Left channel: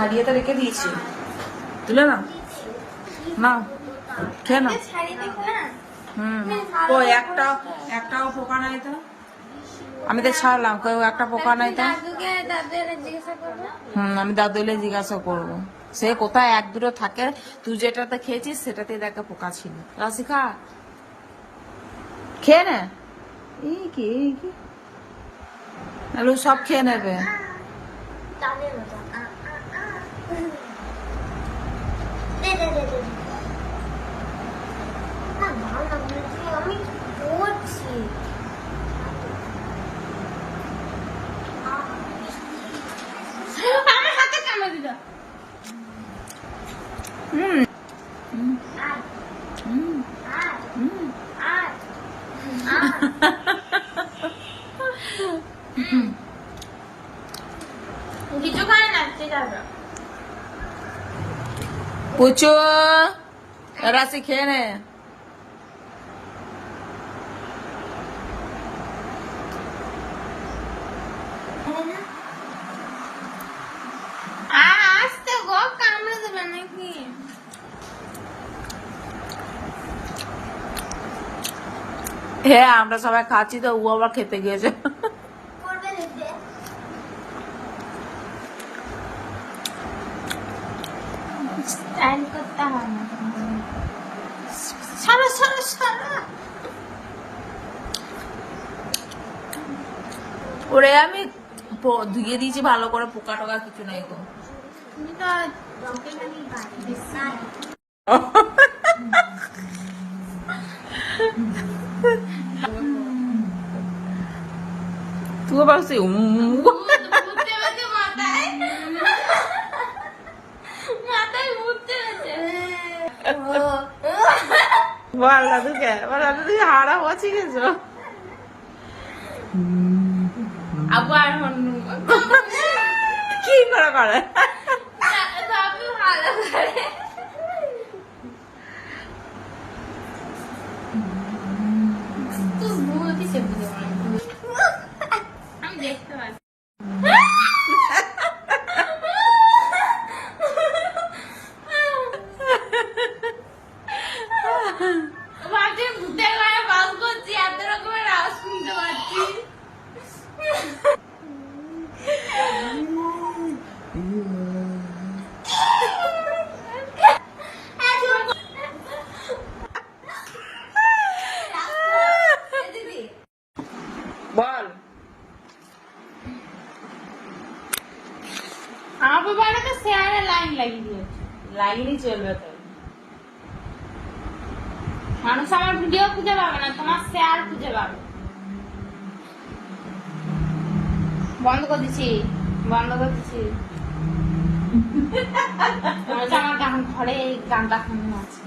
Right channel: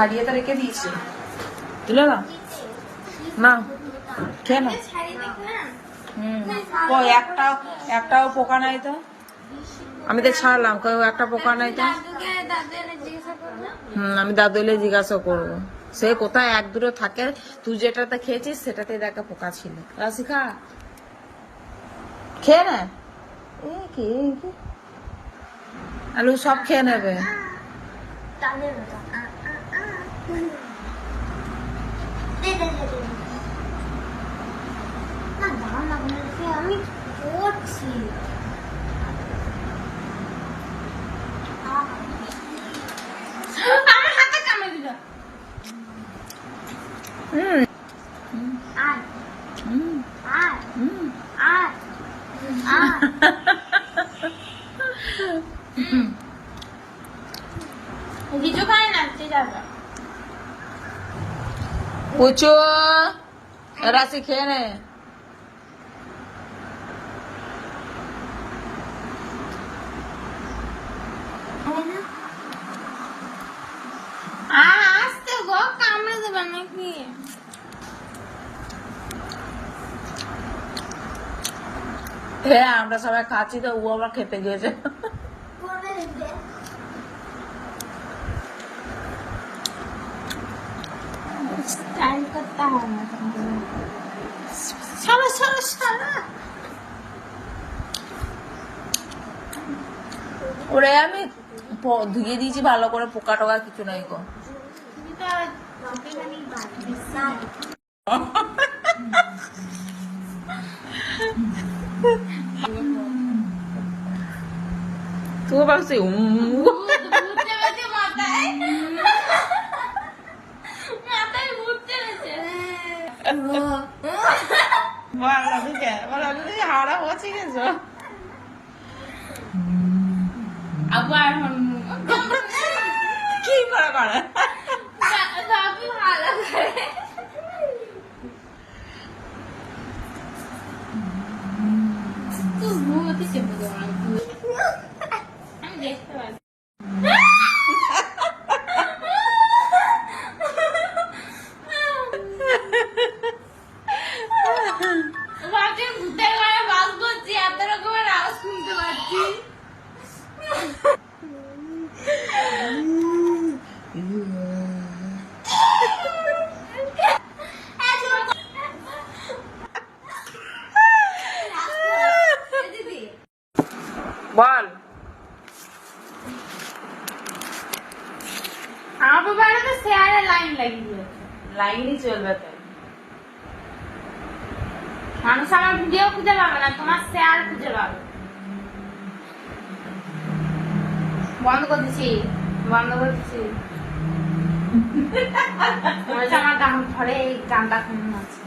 ছাড়িয়ে তো রেখে দিয়েছি, তুলে না না খেয়ে না। কই একটাও পোকা নাই তো, আমি তো ছাড়লাম, কই একটা পোকা নাই তো। আমি দাদুলে জিজ্ঞাসা করবো, সে কোথায় এক দুটো থাকে, তুই যেটাতে খেয়েছিস সেটাতে দেখা পোকা ছিল। রাশিকা খেয়ে নে, এই কি আলু সব খেয়ে নেবে। আমি করছি আমি হাতে কামড়ে দিলাম। কিছু খায় না, ঠিক আছে পুচু রাশি খেয়ে নে। আসতে গো, কামড়ে দেবে নাকি? হ্যাঁ আমরা সবাই খাচ্ছি তো, ও আবার খেতে গিয়েছে। স্টাইল করতে হয় না তোমাদের। সরো সরো সরো। ওরে আমি ধুয়ে দিয়েছি ভালো করে, পোকা টোকা কিছু নেই গো। তুমি পারছি বল দাদুকে, বল দাদু তুমি হাওড়া পৌঁছে গেছো। আবার কি করে করে আমি দেখতে পাচ্ছি। এত রকমের আওয়াজ শুনতে পাচ্ছি। বল আমার বাড়িতে শেয়ারে লাইন লাগিয়ে দিয়েছে। লাইনই চলবে তো। মানুষ আমার ভিডিও খুঁজে পাবে না, তোমার শেয়ার খুঁজে পাবে। বন্ধ করে দিচ্ছি, বন্ধ করে দিচ্ছি। আমার ঘরে এই গানটা শুনে আছে।